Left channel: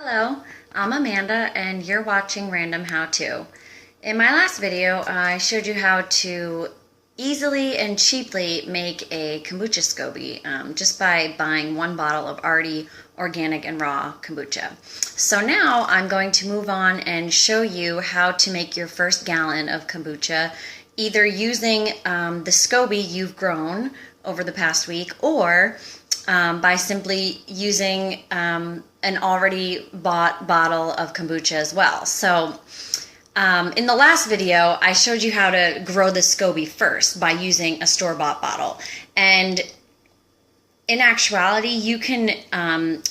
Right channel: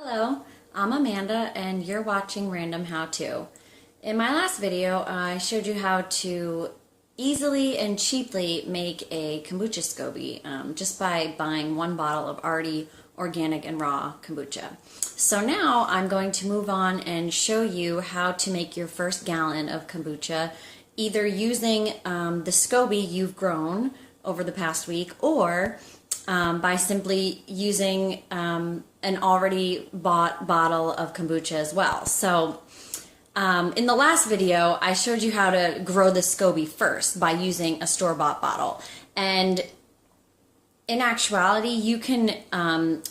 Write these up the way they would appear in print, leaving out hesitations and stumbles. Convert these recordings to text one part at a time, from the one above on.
Hello, I'm Amanda and you're watching Random How To. In my last video, I showed you how to easily and cheaply make a kombucha SCOBY just by buying one bottle of already organic and raw kombucha. So now I'm going to move on and show you how to make your first gallon of kombucha either using the SCOBY you've grown over the past week or by simply using an already bought bottle of kombucha as well. So in the last video, I showed you how to grow the SCOBY first by using a store-bought bottle. And in actuality, you can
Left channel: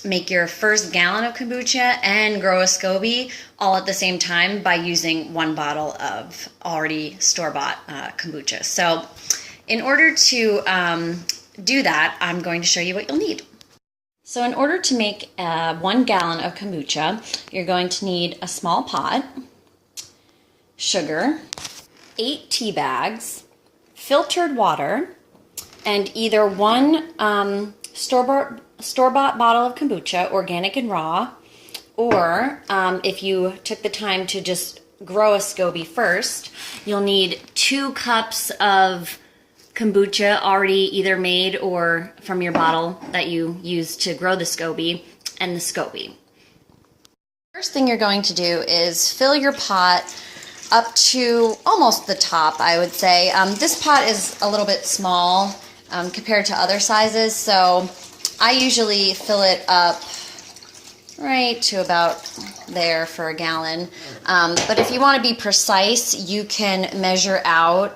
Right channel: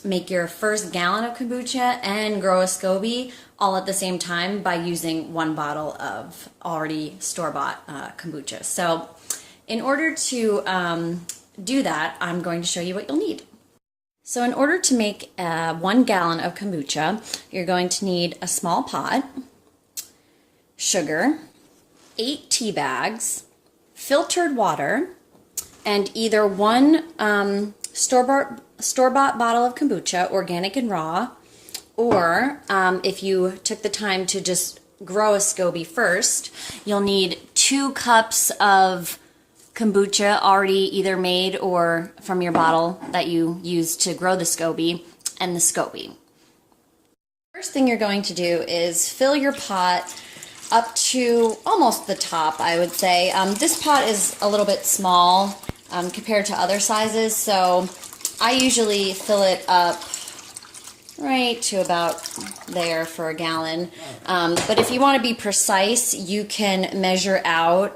make your first gallon of kombucha and grow a SCOBY all at the same time by using one bottle of already store-bought kombucha. So in order to do that, I'm going to show you what you'll need. So in order to make 1 gallon of kombucha, you're going to need a small pot, sugar, 8 tea bags, filtered water, and either one store-bought bottle of kombucha, organic and raw, or if you took the time to just grow a SCOBY first, you'll need 2 cups of kombucha already either made or from your bottle that you use to grow the SCOBY and the SCOBY. First thing you're going to do is fill your pot up to almost the top, I would say. This pot is a little bit small compared to other sizes, so I usually fill it up right to about there for a gallon. But if you want to be precise, you can measure out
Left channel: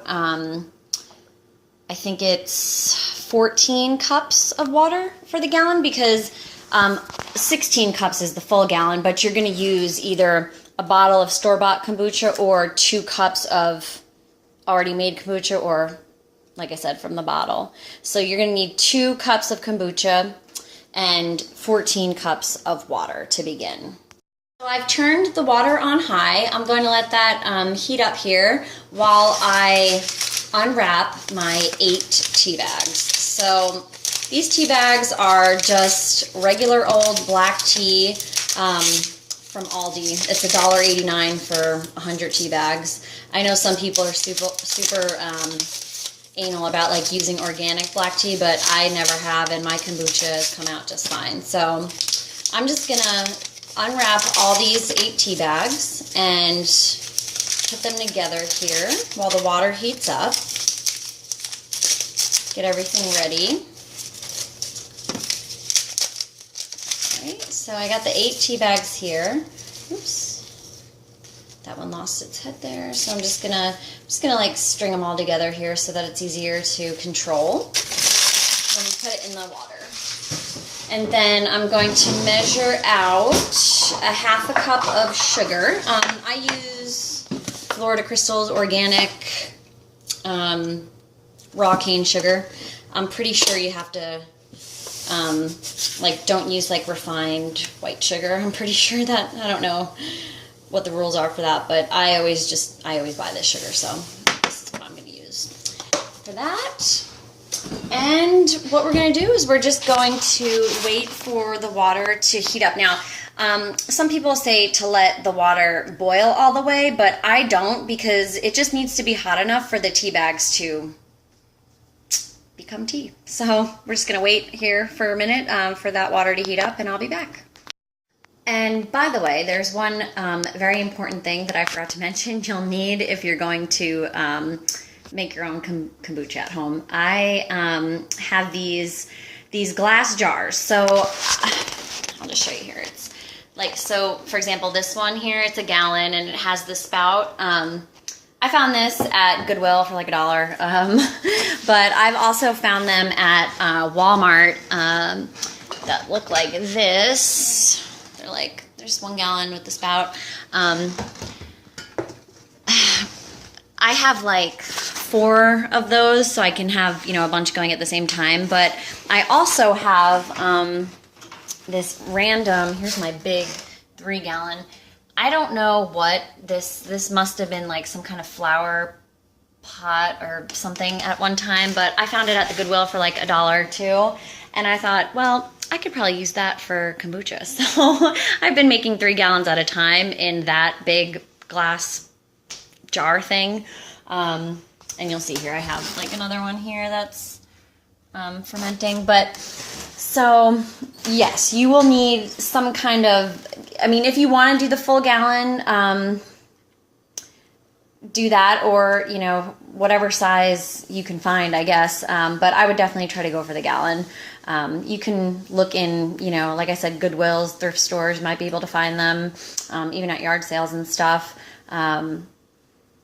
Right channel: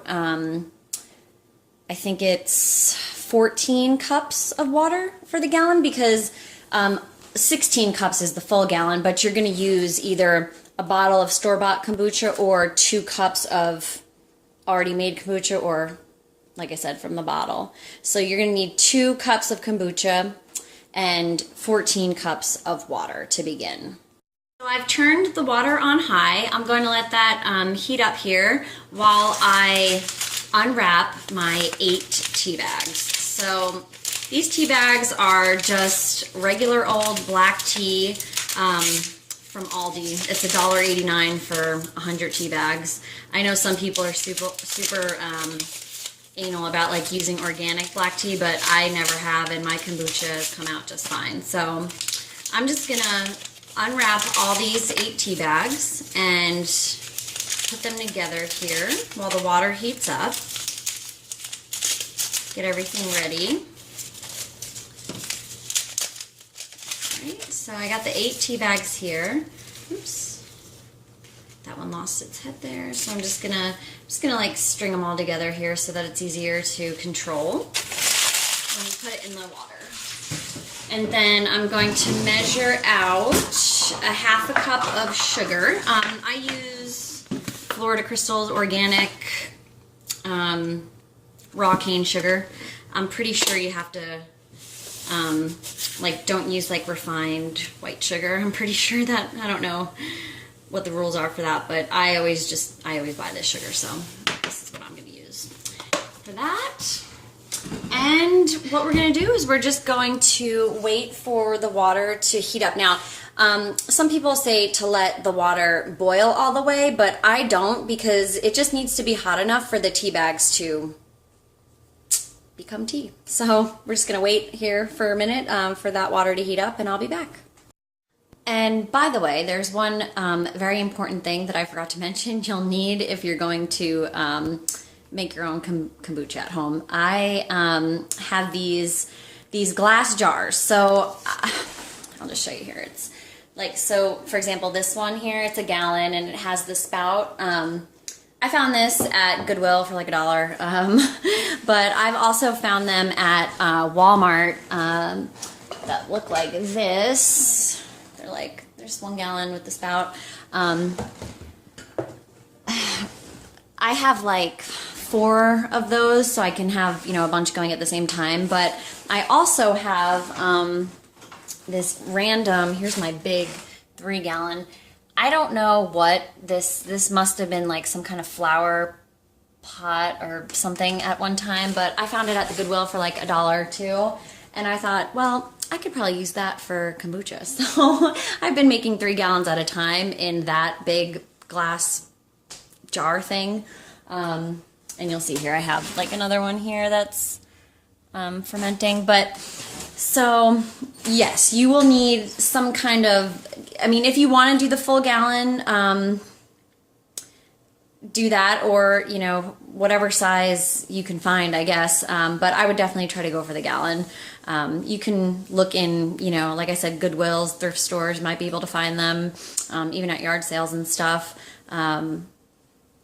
I think it's 14 cups of water for the gallon because 16 cups is the full gallon, but you're going to use either a bottle of store-bought kombucha or 2 cups of already made kombucha or, like I said, from the bottle. So you're going to need 2 cups of kombucha and 14 cups of water to begin. So I've turned the water on high. I'm going to let that heat up here while I unwrap my 8 tea bags. So these tea bags are just regular old black tea from Aldi. It's $1.89 for 100 tea bags. I know some people are super anal about like using organic black tea, but I never have, and my kombucha has come out just fine. So I'm just gonna unwrap all these 8 tea bags and put them together here while the water heats up. Get everything ready. All right, so I got the 8 tea bags here. Oops, that one lost its head there. So I'm just gonna like string them all together here so that it's easier to control when you put it in the water. And then I'm going to measure out a ½ cup of sugar. I use Florida Crystals organic raw cane sugar. I'm pretty sure you have to like don't use like refined white sugar. I'm pretty sure that, I don't know what the rules are for that, but I always buy this sugar, so this is what I'm going to use for that. And what we're going to do is we're just going to wait for the water to heat up. Now, some people say to let the water boil all the way, but I don't, because it just needs to be hot enough for the tea bags to become tea. So we're just going to wait here for a minute for that water to heat up, and I'll be back. And by the way, there's one very important thing that I forgot to mention you'll need if you're going to make your own kombucha at home. I have these glass jars. So I'll just show you here. It's like, so for example, this one here, it's a gallon and it has the spout. I found this at Goodwill for like $1. But I've also found them at Walmart that look like this. They're like, there's 1 gallon with the spout. I have like 4 of those, so I can have, you know, a bunch going at the same time. But I also have this random, here's my big 3 gallon. I don't know what this must have been like some kind of flower pot or something at one time, but I found it at the Goodwill for like $1 too. And I thought, well, I could probably use that for kombucha. So I've been making 3 gallons at a time in that big glass jar thing. And you'll see here I have like another one here that's fermenting. But so yes, you will need some kind of, I mean, if you want to do the full gallon, do that, or, you know, whatever size you can find, I guess. But I would definitely try to go for the gallon. You can look in, you know, like I said, Goodwills, thrift stores, might be able to find them, even at yard sales and stuff.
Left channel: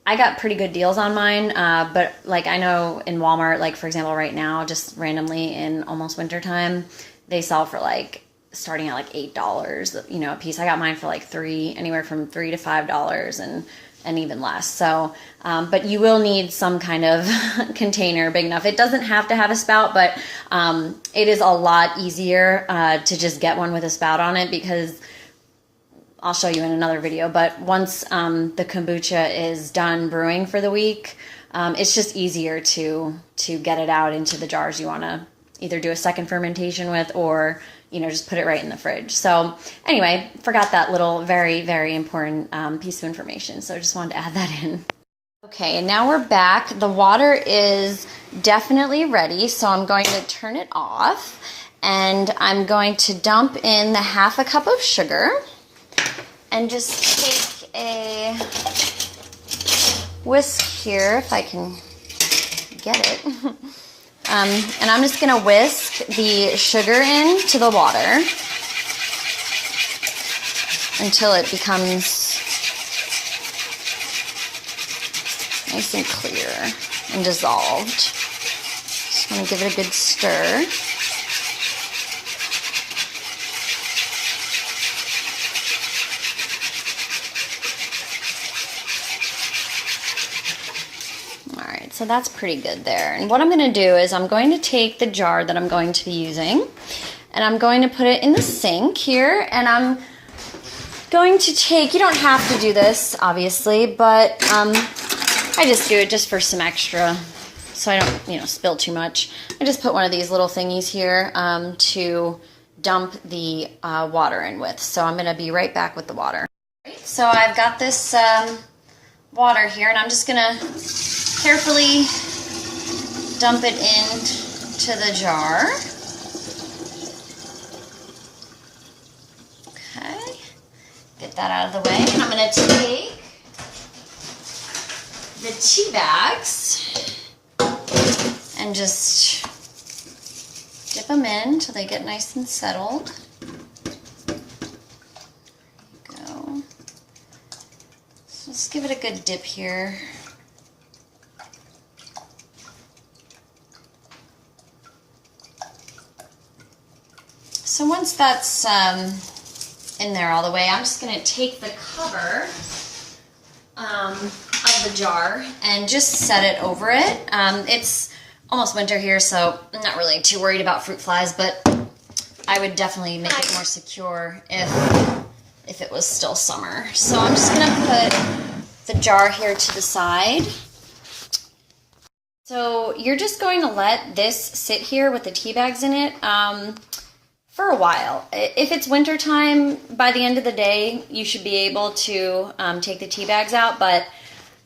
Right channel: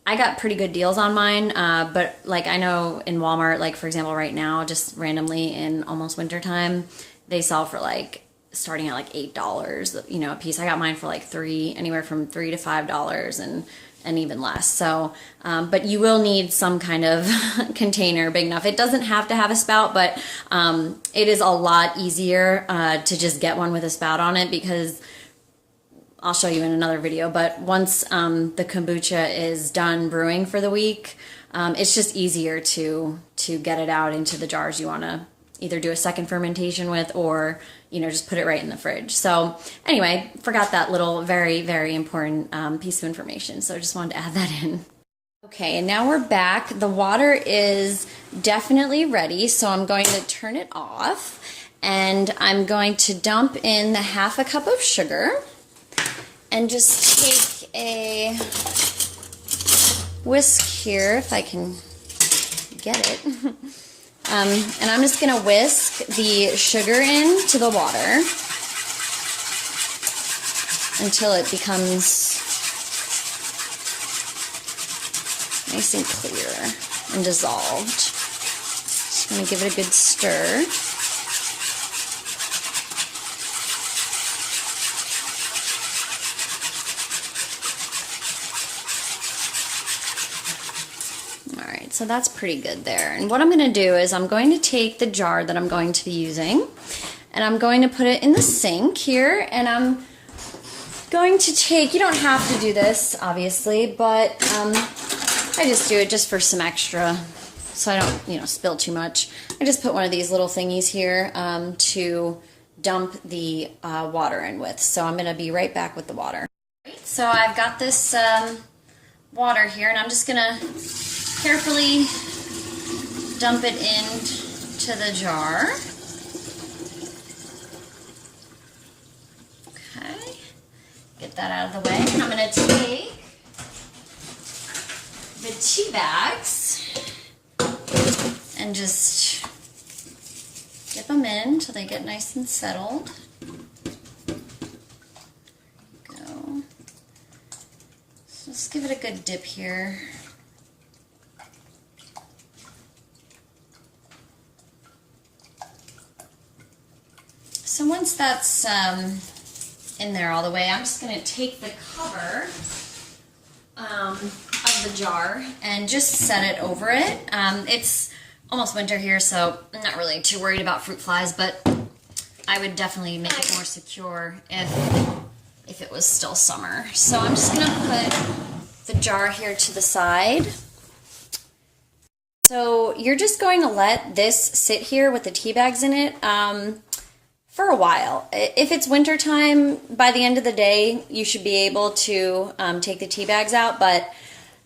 I got pretty good deals on mine, but like I know in Walmart, like for example, right now, just randomly in almost winter time, they sell for like starting at like $8, you know, a piece. I got mine for like anywhere from $3 to $5 and even less. So, but you will need some kind of container big enough. It doesn't have to have a spout, but it is a lot easier to just get one with a spout on it, because I'll show you in another video. But once the kombucha is done brewing for the week, it's just easier to get it out into the jars you want to either do a second fermentation with, or, you know, just put it right in the fridge. So anyway, forgot that little very, very important piece of information. So I just wanted to add that in. Okay, and now we're back. The water is definitely ready, so I'm going to turn it off, and I'm going to dump in the 1/2 cup of sugar, and just take a whisk here, if I can get it. And I'm just going to whisk the sugar into the water until it becomes nice and clear and dissolved. Just going to give it a good stir. Alright, so that's pretty good there. And what I'm going to do is I'm going to take the jar that I'm going to be using, and I'm going to put it in the sink here, and I'm going to take, you don't have to do this, obviously, but I just do it just for some extra, so I don't, you know, spill too much. I just put one of these little thingies here to dump the water in with. So I'm going to be right back with the water. So I've got this water here, and I'm just going to carefully dump it into the jar. Okay, get that out of the way, and I'm going to take the tea bags and just dip them in until they get nice and settled. There we go. So just give it a good dip here. So once that's in there all the way, I'm just going to take the cover of the jar and just set it over it. It's almost winter here, so I'm not really too worried about fruit flies, but I would definitely make it more secure if it was still summer. So I'm just going to put the jar here to the side. So you're just going to let this sit here with the tea bags in it for a while. If it's winter time, by the end of the day, you should be able to take the tea bags out, but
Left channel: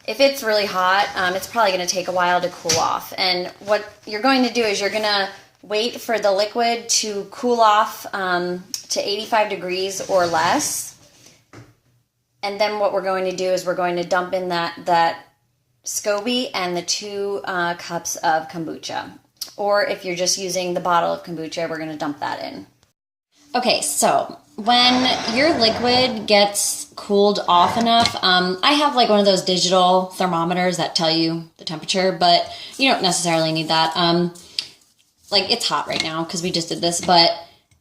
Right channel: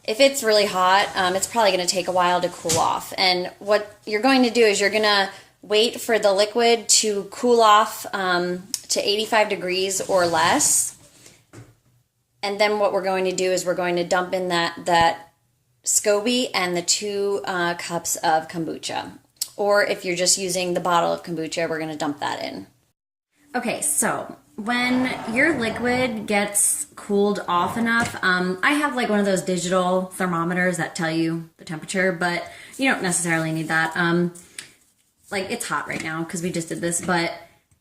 if it's really hot, it's probably going to take a while to cool off. And what you're going to do is you're going to wait for the liquid to cool off to 85 degrees or less. And then what we're going to do is we're going to dump in that SCOBY and the 2 cups of kombucha. Or if you're just using the bottle of kombucha, we're going to dump that in. Okay, so when your liquid gets cooled off enough, I have like one of those digital thermometers that tell you the temperature, but you don't necessarily need that. Like it's hot right now because we just did this, but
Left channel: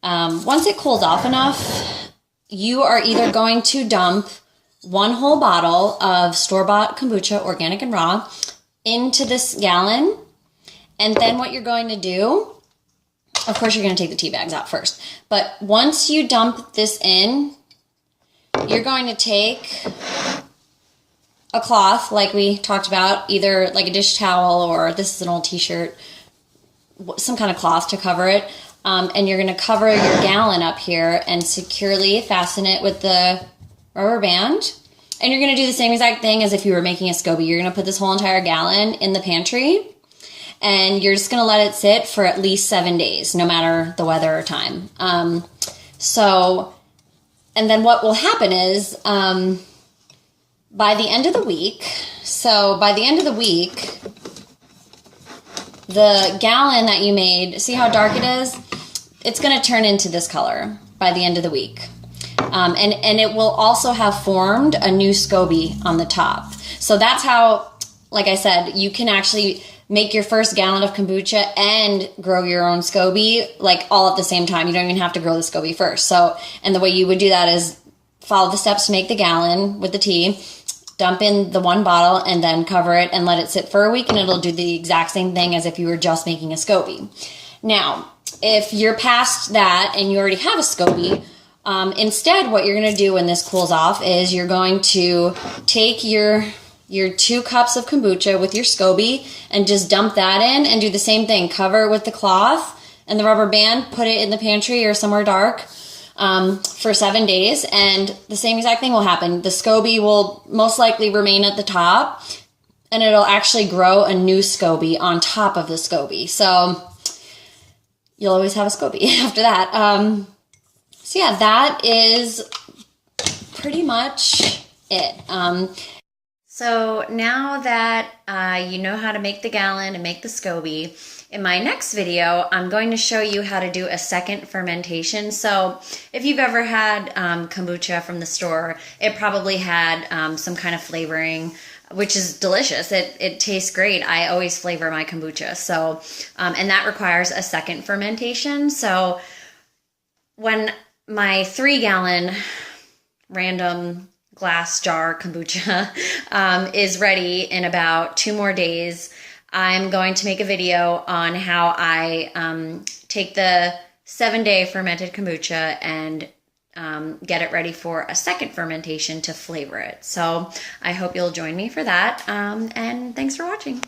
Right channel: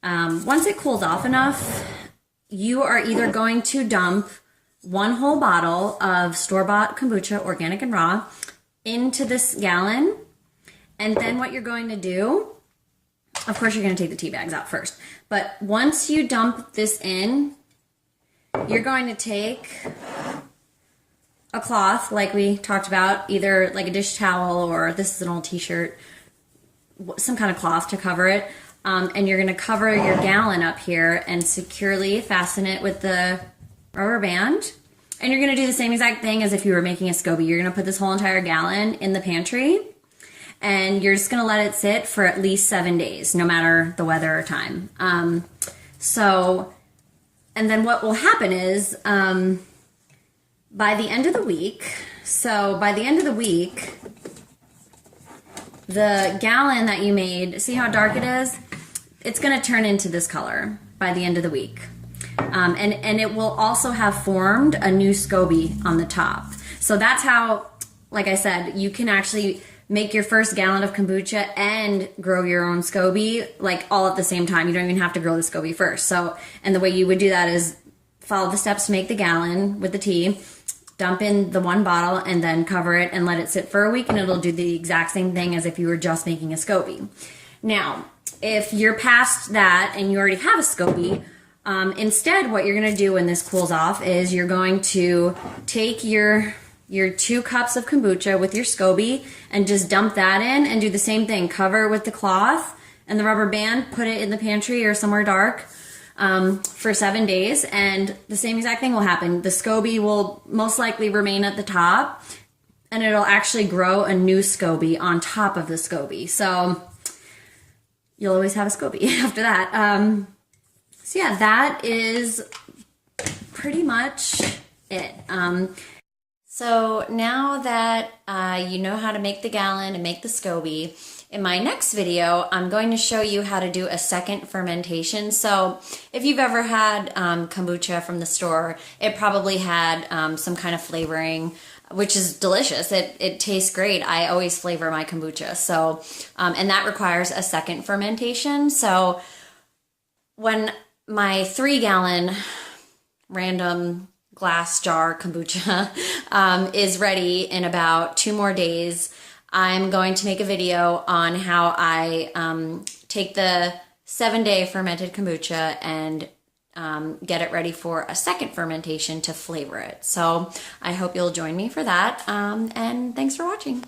once it cools off enough, you are either going to dump 1 whole bottle of store-bought kombucha, organic and raw, into this gallon, and then what you're going to do, of course, you're going to take the tea bags out first. But once you dump this in, you're going to take a cloth like we talked about, either like a dish towel or this is an old t-shirt, some kind of cloth to cover it. and you're going to cover your gallon up here and securely fasten it with the rubber band. And you're going to do the same exact thing as if you were making a SCOBY. You're going to put this whole entire gallon in the pantry, and you're just going to let it sit for at least 7 days, no matter the weather or time. And then what will happen is by the end of the week, the gallon that you made, see how dark it is? It's going to turn into this color by the end of the week. And it will also have formed a new SCOBY on the top. So that's how, like I said, you can actually make your first gallon of kombucha and grow your own SCOBY, like all at the same time. You don't even have to grow the SCOBY first. So, and the way you would do that is follow the steps to make the gallon with the tea, dump in the 1 bottle, and then cover it and let it sit for a week, and it'll do the exact same thing as if you were just making a SCOBY. Now, if you're past that and you already have a SCOBY, instead what you're going to do when this cools off is you're going to take your 2 cups of kombucha with your SCOBY and just dump that in and do the same thing. Cover it with the cloth and the rubber band, put it in the pantry or somewhere dark for 7 days, and the same exact thing will happen. The SCOBY will most likely remain at the top, and it'll actually grow a new SCOBY on top of the SCOBY. So you'll always have a SCOBY after that. So yeah, that is pretty much it. So now that you know how to make the gallon and make the SCOBY, in my next video, I'm going to show you how to do a second fermentation. So if you've ever had kombucha from the store, it probably had some kind of flavoring, which is delicious. It tastes great. I always flavor my kombucha. So, and that requires a second fermentation. So when my 3-gallon random glass jar kombucha is ready in about 2 more days, I'm going to make a video on how I take the 7-day fermented kombucha and get it ready for a second fermentation to flavor it. So I hope you'll join me for that, and thanks for watching.